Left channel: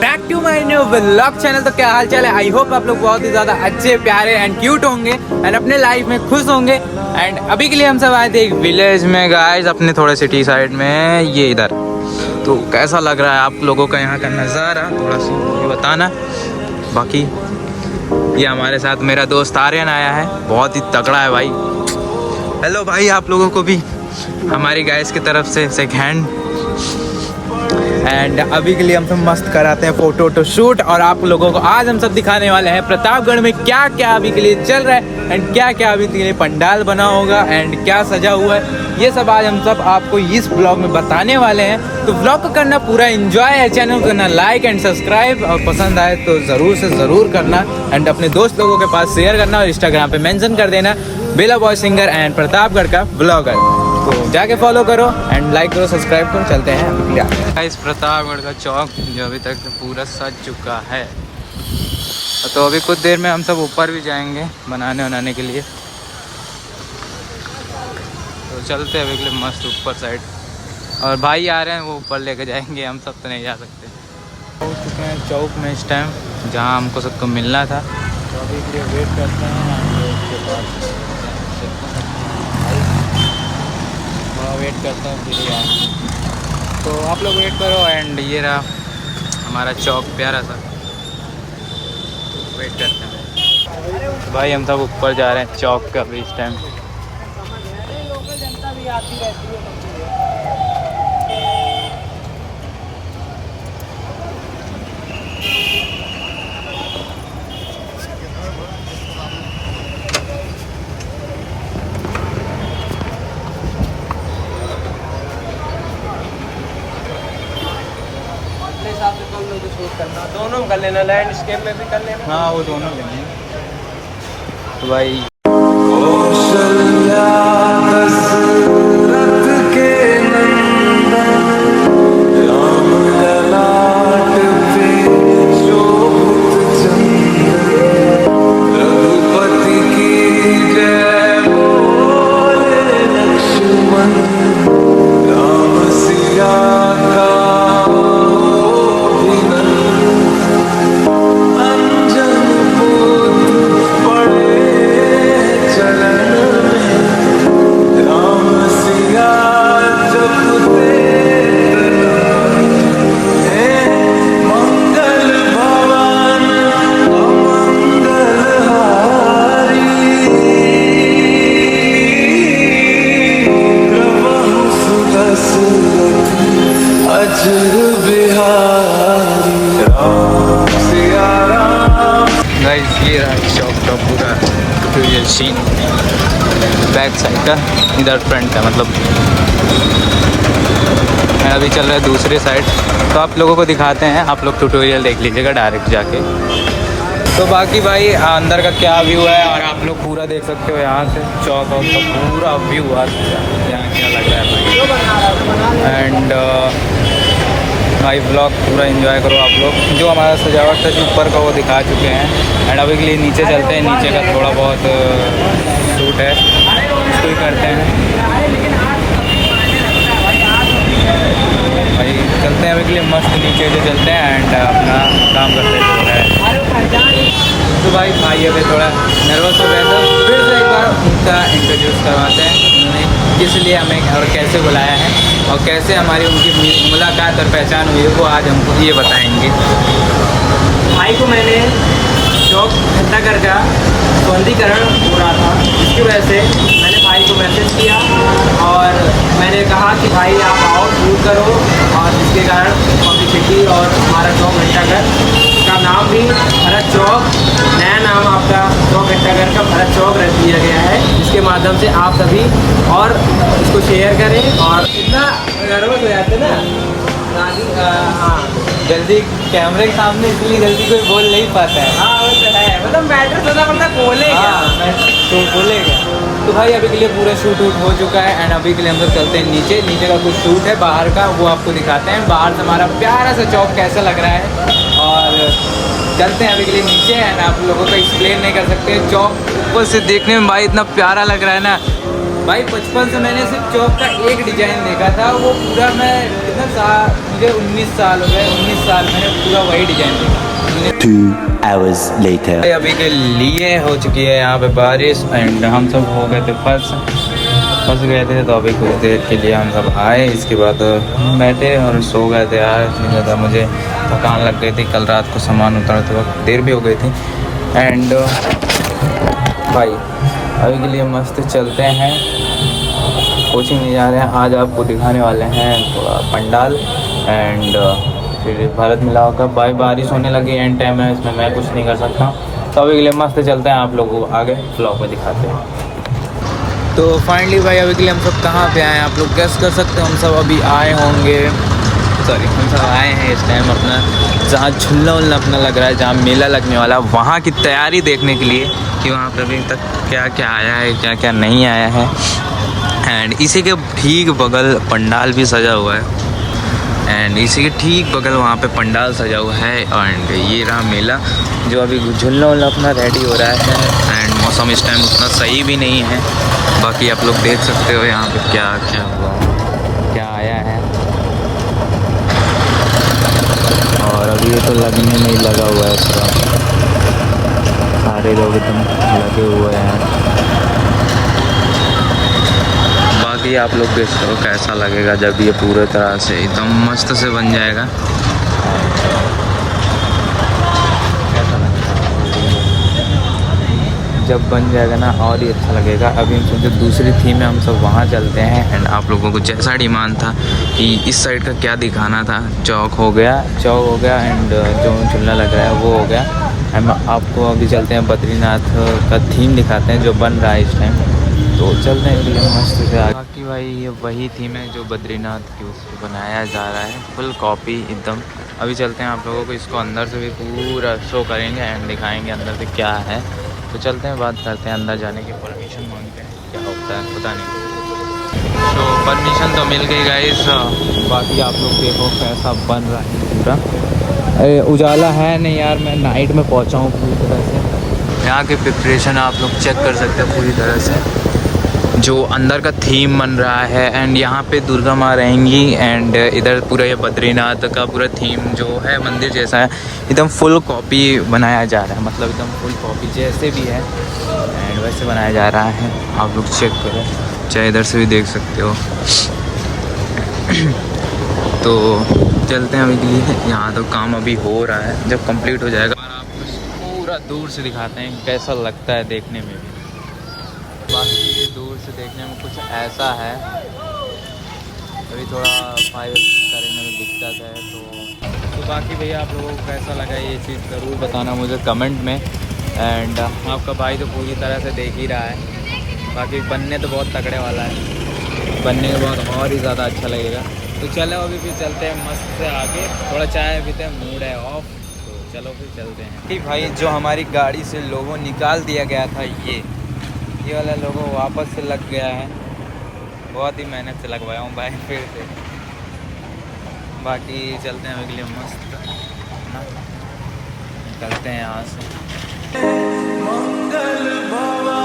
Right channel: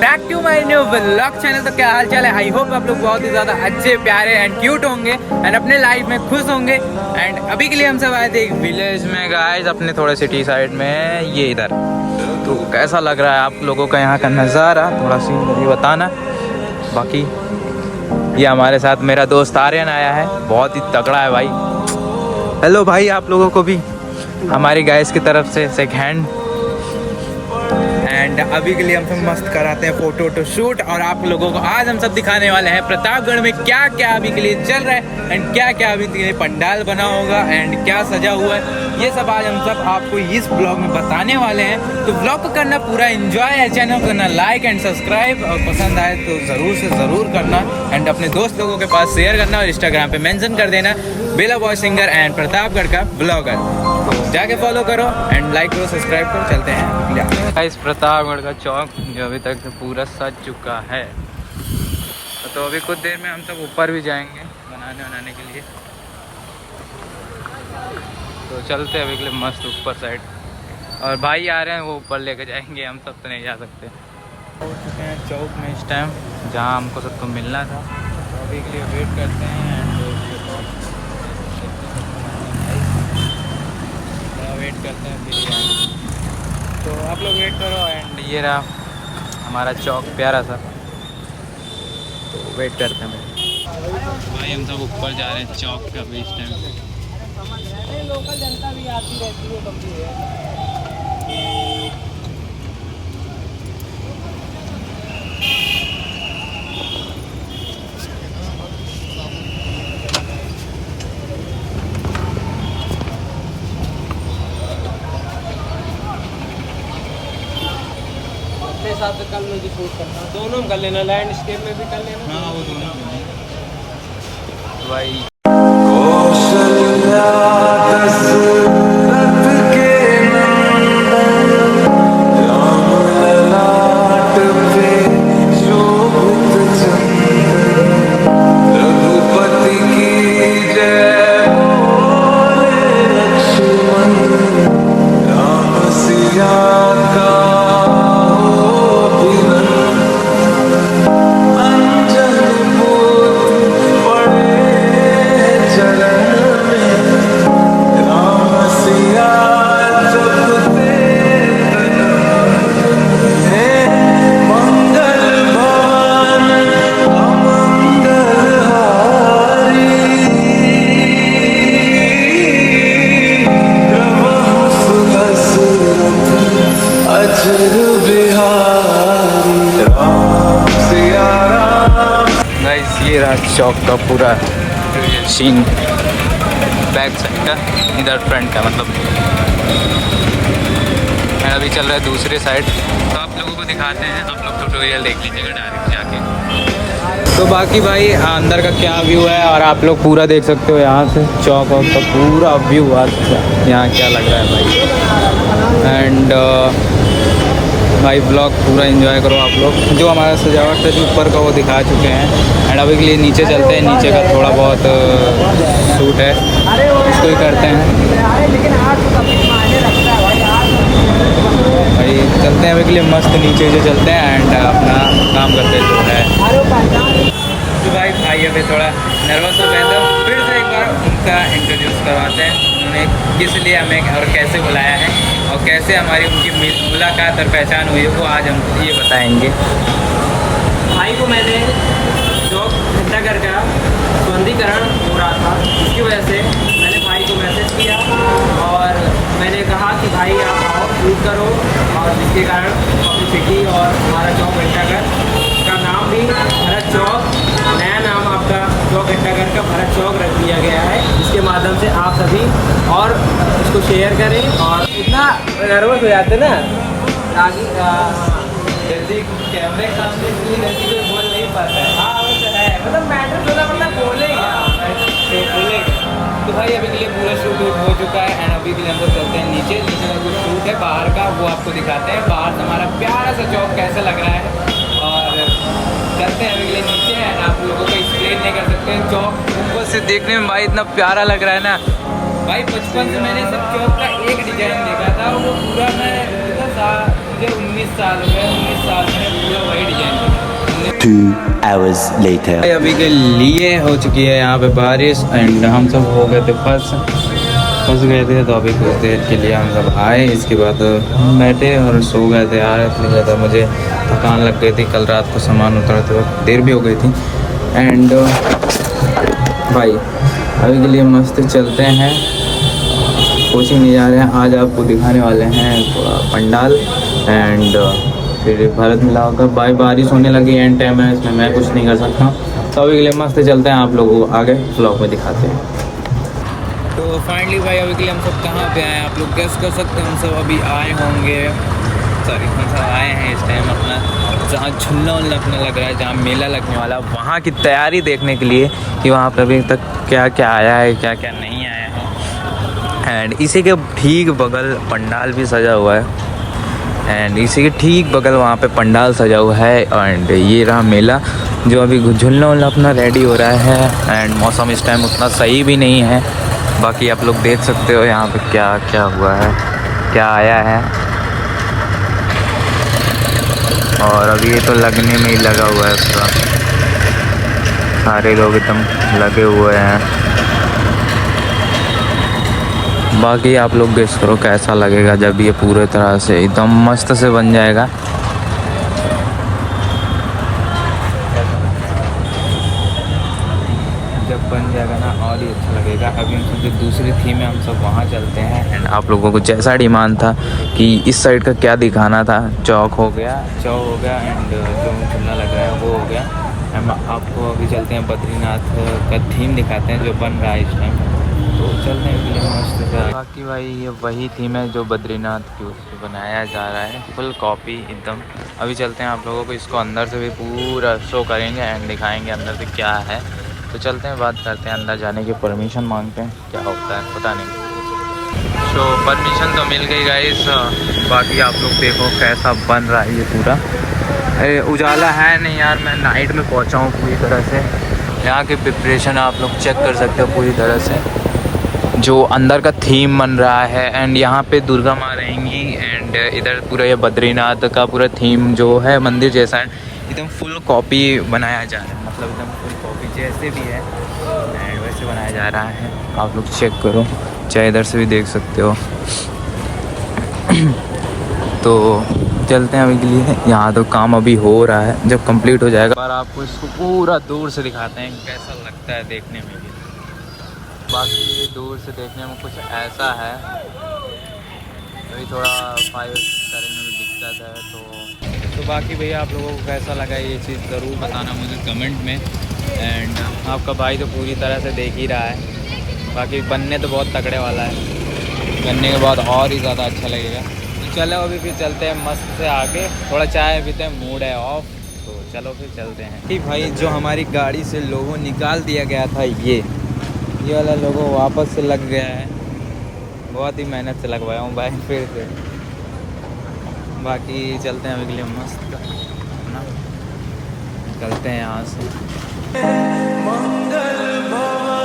Back to my new vlog channel. तो क्या हाल चाल है? आई होप आप लोग बहुत ही ज्यादा अच्छे प्यारे एंड क्यूट होंगे एंड अपने लाइफ में खुश होंगे। एंड अभी के लिए हम सब आए थे एक विलेज में गाइस, अपने थोड़े सिटी साइड में, ये इधर। तो कैसा लग रहा है आप लोगों का यहाँ का नज़ारा, थोड़ा सा बताना। बाकी ये हमारे साथ मेरा दोस्त आर्यन आया है, बहुत ही तगड़ा है भाई। हेलो भाई, आप लोगों को भी हमारी गाइस की तरफ से सेकंड हैंड। एंड अभी के लिए हम सब मस्त कराते हैं फोटो शूट, और आप लोगों को आज हम सब दिखाने वाले हैं प्रतापगढ़ में क्या क्या अभी के लिए चल रहा है एंड क्या क्या अभी के लिए पंडाल बना होगा एंड क्या सजा हुआ है। ये सब आज हम सब आपको इस ब्लॉग में बताने वाले हैं। तो ब्लॉग को करना पूरा एंजॉय है, चैनल को करना लाइक एंड सब्सक्राइब, और पसंद आए तो ज़रूर से ज़रूर करना एंड अपने दोस्त लोगों के पास शेयर करना और इंस्टाग्राम पे मेंशन कर देना बेला बॉय सिंगर एंड प्रतापगढ़ का ब्लॉगर। तो जाके फॉलो करो एंड लाइक करो, सब्सक्राइब करो। चलते हैं इस प्रतापगढ़ का चौक जो अभी तक पूरा सज चुका है। तो अभी कुछ देर में हम सब ऊपर भी जाएंगे बनाने के लिए। तो चलते हैं अभी के लिए मस्त ऊपर साइड, और भाई आ रहे हैं वो ऊपर लेके जाएंगे, हम सब तो नहीं जा सकते। हो चुके हैं चौक में इस टाइम, जहाँ हमको सबको मिलना था। तो अभी के लिए वेट करते हैं एंड उसके बाद वेट करता हूँ फिर यार। तो आप लोग वेट करो एंड ये रहा हमारा चौक प्यारा सा। तो वेट करते हैं भाई, हम सब ऊपर जा रहे हैं चौक का भी इस टाइम। लोकल जनता भी आती रहती है। हिसाब से कम में भी शूट करना, दोनों कर लेना, लैंडस्केप में भी कर लेना। हाँ वो दोनों लेंगे भाई। कौशल्या दशरथ के नंदन, राम ललाट पे शोभित चंदन, रघुपति की जय बोले लक्ष्मण, राम सिया का अजर बिहारी राम सिया राम। गाइस ये रहा चौक का पूरा ये सीन, बैक साइड का, इधर फ्रंट का मतलब। अभी चल रहा है दूसरे साइड, तो आप लोगों को दिखाते हैं। आप लोग ट्यूटोरियल देख लीजिएगा डायरेक्ट जाके। तो बाकी भाई अंदर का क्या व्यू है, और आप लोग पूरा देख सकते हो यहाँ से चौक का पूरा व्यू है यहाँ क्या लग रहा है भाई। एंड भाई ब्लॉग पूरा एंजॉय करो आप लोग। जो हमारा सजावट था जो ऊपर का वो दिखा चुके हैं एंड अभी के लिए नीचे चलते हैं। नीचे का थोड़ा बहुत शूट है, उसको ही करते हैं भाई। चलते हैं अभी के लिए मस्त नीचे जो चलते हैं एंड अपना काम करते हैं जो है। तो भाई अभी थोड़ा नर्वस हो गए, तो फिर से एक बार उनका इंट्रोड्यूस करवाते हैं। उन्होंने किस लिए हमें और कैसे बुलाया है और कैसे हमारी उनकी मुलाकात और पहचान हुई है, वो आज हमको ये बताएंगे। भाई को मैंने चौक घंटाघर का सौंदर्यीकरण हो रहा था, जिसकी वजह से मैंने भाई को मैसेज किया और मैंने कहा कि भाई आप आओ शूट करो, और जिसके कारण पब्लिसिटी और हमारा चौक घंटाघर का नाम भी भरत चौक, नया नाम आपका चौक घंटाघर का भरत चौक रख दिया गया है, जिसके माध्यम से आप सभी और इसको शेयर करें। और इतना नर्वस हो जाते ना, हाँ जल्दी कैमरे के सामने इसलिए जल्दी कोई बोल नहीं पाता है। हाँ वो तो है, मतलब मैटर मतलब बोलेगा तो बोलेगा। तो भाई अभी के लिए पूरा शूट हो चुका है एंड अभी के लिए हम लोग चलते हैं नीचे का कुछ शूट है बाहर का, वो आपको दिखाते हैं। बाहर से हमारा प्यारा सा चौक कैसा लग रहा है, और चलते हैं अभी के लिए नीचे एंड आप लोगों को एक्सप्लेन नहीं कर सकते। चौक ऊपर से देखने में भाई इतना प्यारा लग रहा है ना भाई। बचपन से मैंने सिर्फ चौक का एक डिजाइन देखा था, वो पूरा मैं इतना मुझे मुझे 19 साल हो गए, 19 साल मैंने पूरा वही डिजाइन किया। 2 hours later. अभी के लिए हो चुकी है यहाँ पे बारिश एंड हम सब हो गए थे फंस गए थे, तो अभी कुछ देर के लिए हम सब आए। इसके बाद बैठे और सो गए थे यार, इतनी ज़्यादा मुझे थकान लग गई थी। कल रात को सामान उतारते वक्त देर भी हो गई थी। एंड भाई अभी के लिए मस्त चलते हैं, कोचिंग नहीं जा रहे हैं। आज आपको दिखाने वाले हैं थोड़ा पंडाल एंड फिर भारत मिलाप का। भाई बारिश होने लगी, एंड टाइम है, इसमें मैं कुछ नहीं कर सकता। तो अभी के लिए मस्त चलते हैं, आप लोगों को आगे ब्लॉग में दिखाते हैं। तो फाइनली भाई अभी के लिए हम सब कहाँ पे आए हैं आप लोग गेस कर सकते हैं। हम सब अभी आए होंगे, सॉरी हम सब आए हैं इस टाइम अपना जहाँ झूलना उलना अपना लग रहा है, जहाँ मेला लगने वाला, वहाँ की तैयारी देखने के लिए कि वहाँ पर अभी तक क्या क्या आया है, क्या क्या नहीं आया है। एंड इसी के ठीक बगल पंडाल भी सजा हुआ है, एंड इसी के ठीक बगल वहाँ पे पंडाल सजा हुआ है। एंड ये रहा मेला जो अभी झूलना उलना अपना रेडी हो रहा है। एंड मौसम इस टाइम उतना सही भी नहीं है, बाकी आप लोग देख सकते हो यहाँ पे क्या क्या हुआ है, क्या आया है। और अभी ये तो लगने में ही लगा हुआ है पूरा, सारे लोग एकदम लगे हुए हैं। बाकी आप लोग देख करो कैसा लगेगा जब ये पूरी तरह से एकदम मस्त से बन जाएगा। कैसा लगेगा जब बन जाएगा ना, और ही अच्छा लगेगा। अभी हम सब जो दूसरी थीम है हम सब वहाँ चलते हैं। एंड आप लोगों को जैसा डिमांड था कि इस साइड का क्या दिखाना था, चौक हो गया एंड जो झूला लग रहा है वो हो गया। एंड आपको अभी चलते हैं बद्रीनाथ का थीम दिखाते हैं जो बन रहा है इस टाइम, तो चलते हैं लिए मस्त से आगे। बाकी भाई ये वही थीम है जो बद्रीनाथ की उससे बनाया जा रहा है, फुल कॉपी एकदम। अभी चलते हैं आप लोगों को इसको अंदर से भी पूरा शो करेंगे एंड दिखाएंगे अंदर से क्या है। तो चलते हैं, बात करते हैं, अंदर जाने की परमिशन मांगते हैं, क्या होता है पता नहीं। तो परमिशन तो मिल गई गाइस। बाकी आप लोग देखो कैसा बन रहा है ये पूरा। उजाला है नहीं यार, मैं नाइट में पहुंचा हूँ पूरी तरह से। यहाँ की प्रिपरेशन आप लोग चेक कर सकते हो पूरी तरह से, जो अंदर का थीम बन रहा है। एंड यहाँ पे दुर्गा माँ रहेंगी एंड इधर पूरा ये बद्रीनाथ का पूरा थीम जो है मंदिर जैसा है, एकदम फुल कॉपी बनाया जा रहा है, मतलब एकदम फुल कॉपी जैसे भी है एंड वैसे बनाया जा रहा है। आप लोग चेक करो, चाहे इधर से भी देख सकते हो। तो चलते हैं अभी के लिए, यहाँ तो काम अभी हो रहा है, जब कंप्लीट हो जाएगा पर आपको इसको पूरा दूर से दिखाते हैं कैसा लगता है देखने में भी। बाकी ये दूर से देखने में कुछ ऐसा है, अभी थोड़ा फायर करने में दिक्कत है। तो बाकी भैया आप लोगों को कैसा लगा ये चीज़ ज़रूर बताना मुझे कमेंट में। एंड आपका भाई तो पूरी तरह से देख ही रहा है, बाकी बनने तो बहुत तगड़े वाला है, बनने के बाद और ही ज़्यादा अच्छा लगेगा। तो चलो अभी फिर चलते हैं मस्त से आगे, थोड़ा चाय पीते हैं, मूड है ऑफ, तो चलो फिर चलते हैं। ठीक भाई, जो हमारी गाड़ी से लोगो निकाल दिया गया था ये वाला लोगो वापस से लग गया है, बहुत ही मेहनत से लगवाया हूँ भाई फिर से। बाकी चलते हैं अगले मस्त ना, चलते हैं यहाँ से। मंगल भवन